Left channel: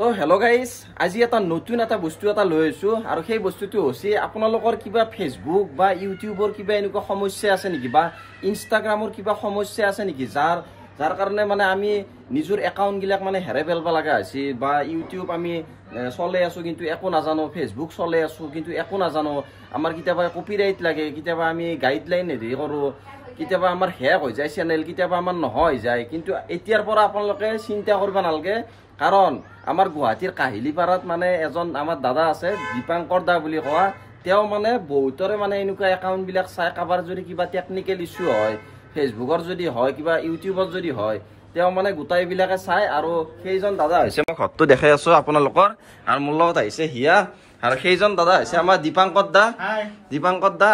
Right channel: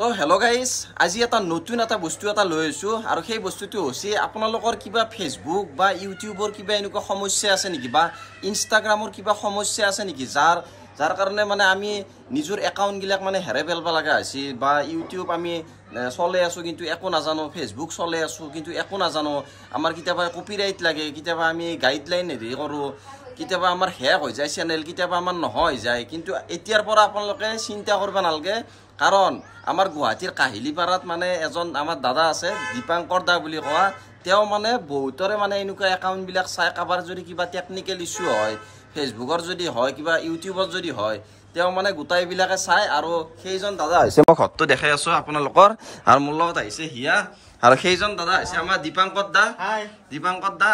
তো hello' guys, আজি এটা নতুন এটা বস্তু এটা লৈ আছোঁ আৰু সেই বস্তুটো হৈছে আপোনালোকৰ কিবা ফেচবুক বা ইউটিউবৰ কিবা এনেকুৱা সমস্যা আছে নেকি বা ইনষ্টাগ্ৰামৰ কিবা সমস্যা আছে নেকি যাৰ কাৰণে মানে আমি নিজৰ একাউণ্টবিলাক মানে হেৰাই পেলাব লগা হৈছে বা ইউটিউব আমি চলাই আছোঁ কিন্তু একো নাজানো, ফেচবুক চলাই আছোঁ কিন্তু একো নাজানো, আমাৰ কেতিয়াবা কপিৰাইট লাগে, কেতিয়াবা আমি গাইডলাইন হেৰি কৰোঁ, কেতিয়াবা আমাৰ শেষ হৈ যায় চেনেল, কেতিয়াবা আমাৰ নহয় যায়। কিন্তু এতিয়াৰ পৰা আপোনালোকে চিন্তা কৰিব নালাগে, কাৰণ আমাৰ গুৱাহাটীৰ কাহিলীপাৰাত মানে এজন আমাৰ দাদা আছে, দীপাংকৰ দা বুলি কোৱা। তেওঁ মানে বহুতৰে মানে এনেকুৱা একাউণ্টবিলাক চাই, কাৰোবাৰ যদি কিবা টেকনিকেল ইছ্যু হয়, ফেচবুকৰ যদি হয়, কিবা ইউটিউবত যদি হয়, তেওঁ মানে গোটাইবিলাকে চাই। আৰু সেইজন দাদা হৈছে, মই ঘৰটো দেখাই আছোঁ আপোনালোকৰ, আৰু মোৰ লগত আহিছে হিয়া, আৰু সেইজন দাদা হৈছে আমাৰ দীপাংকৰ দা।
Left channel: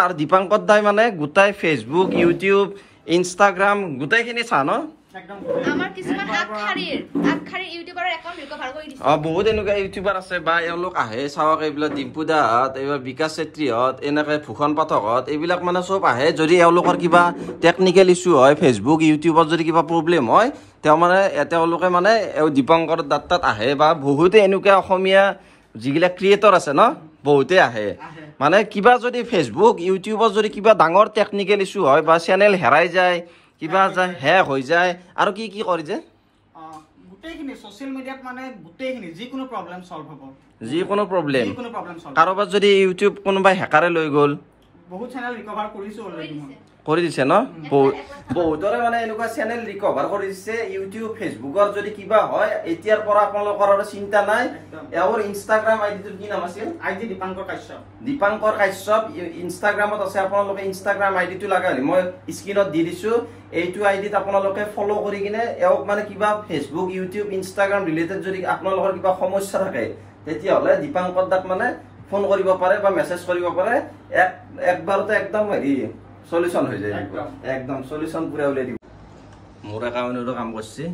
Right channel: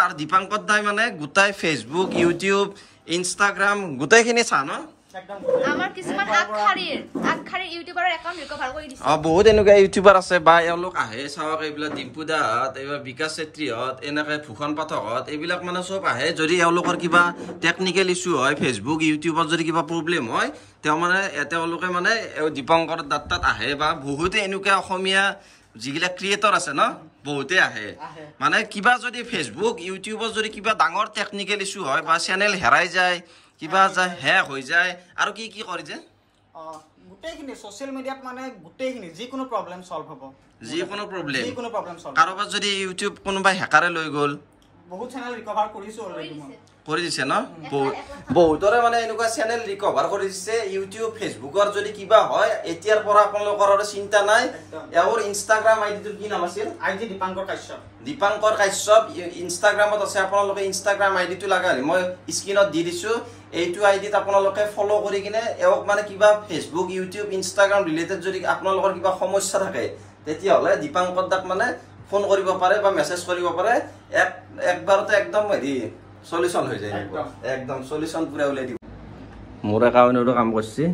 আৰু দীপাংকৰ দাই মানে গোটাই ফেচবুক, ইউটিউব, ইনষ্টাগ্ৰাম গোটেইখিনি চা ন। বহুত এনেকুৱা ইউটিউবাৰ আছে বা এওঁলোক আহে চাওক, এইবিলাক ডিম্পু দাহঁত, এইবাৰ বিকাশ চেত্ৰীহঁত, এনেকৈ ভূষণ পাঠকহঁত, এইবিলাক মানে চব আহে। যদি এওঁলোকৰ কিবা টেকনিকেল ইছ্যু হয়, ফেচবুক ইউটিউবত যদি কিবা প্ৰব্লেম হয়, তেওঁলোকে মানে দীপাংকৰ দাৰ তাত আহে। বা বহুতে এনেকুৱা অসমীয়া যিবিলাক ক্ৰিয়েটৰ আছে ন, বহুতে আহে। মানে কিবা যদি ফেচবুক ইউটিউবত যদি কিবা ডাঙৰ টেকনিকেল ইছ্যু হয় বা চেনেল হেৰাই যায়, কিবা শেষ হৈ যায়, আৰু কি কি কৰি যে গোটেইখিনি সোশ্যাল মিডিয়াত মানে গোটেইখিনি যিকোনো প্ৰব্লেম সলভ হ'ব। যিকোনো প্ৰব্লেম কাৰোবাৰ যদি ইউটিউব কোনোবাই হেকাৰে লৈ গ'ল, বহুত চেনেল ৰিকভাৰ কৰিছো অলৰেডি কৰি দিছে ন। বহুতৰে মানে এনেকুৱা চেনেল ৰিকভাৰ কৰি দিছে। ইউটিউব ফেচবুকৰ যদি কিবা হয়, এতিয়াৰ পৰা আপোনালোকৰ আৰু চিন্তা নাই। এওঁৰ ইনষ্টাগ্ৰাম আইডিটোৰ কি নাম আছিল? আইডি দীপাংকৰ কাশ্যপ। দীপাংকৰ কাশ্যপ ইনষ্টাগ্ৰামত আছে। আপোনালোকে ইনষ্টাগ্ৰাম আইডিটো লগালে মই স্ক্ৰীনত দি দিছোঁ। এইটো আইডিত আপোনালোকে ফ'ল' কৰি কিনে এওঁক মানে কিবা ফেচবুক, ইউটিউব, ইনষ্টাগ্ৰাম ৰিলেটেড যদি আপোনালোকৰ কিবা সমস্যা থাকে, তেতিয়াহ'লে দীপাংকৰ দাক মানে ফোন কৰিব পাৰে বা মেছেজ কৰিব পাৰে। একবাৰতে একদম হেৰি সলিউশন হৈ যায়, একদম সলিউশন পুৰা ওলাই দিব। মোৰ একাউণ্টতো কাম কৰিছে,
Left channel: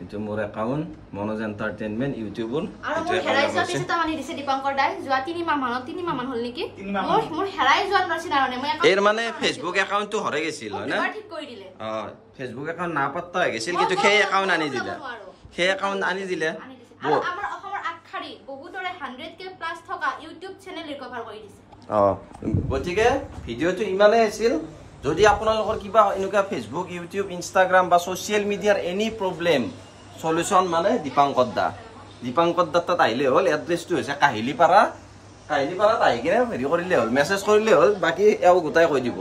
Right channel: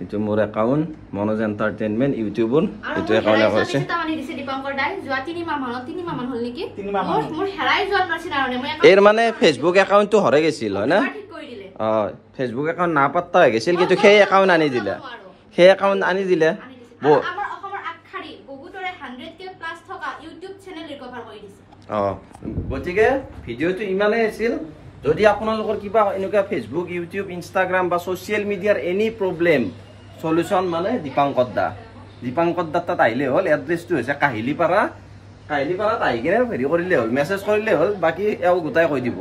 এইটো মোৰ একাউণ্ট মনোজ এণ্টাৰটেইনমেণ্ট ইউটিউবৰ, এইটো একাউণ্টে কৰিছে। এৰ মানে ফেচবুক একাউণ্টটো হৰাই গৈছিল হয় না? ফেচবুক একাউণ্ট নাপাত্তা হৈ গৈছিল, কিন্তু সেই একাউণ্ট আনি দিলে, সেই একাউণ্ট আনি দিলে। গতিকে ভিডিঅ'টো ইমানেই আছিল। যদি আপোনালোকৰ কিবা এনেকুৱা ফেচবুক, ইউটিউব, ইনষ্টাগ্ৰাম বা ছ'চিয়েল মিডিয়াৰ এনি প্ৰব্লেম, সলিউশ্যন মানে দীপাংকৰ দা তাত আহিলে হ'ল। এড্ৰেছটো হৈছে কাহিলীপাৰাত আহি কিনে হেৰি কৰিলে হ'ল, মেছেজ কৰিলে হ'ল, বাকী এওঁ গোটাই কৈ দিব।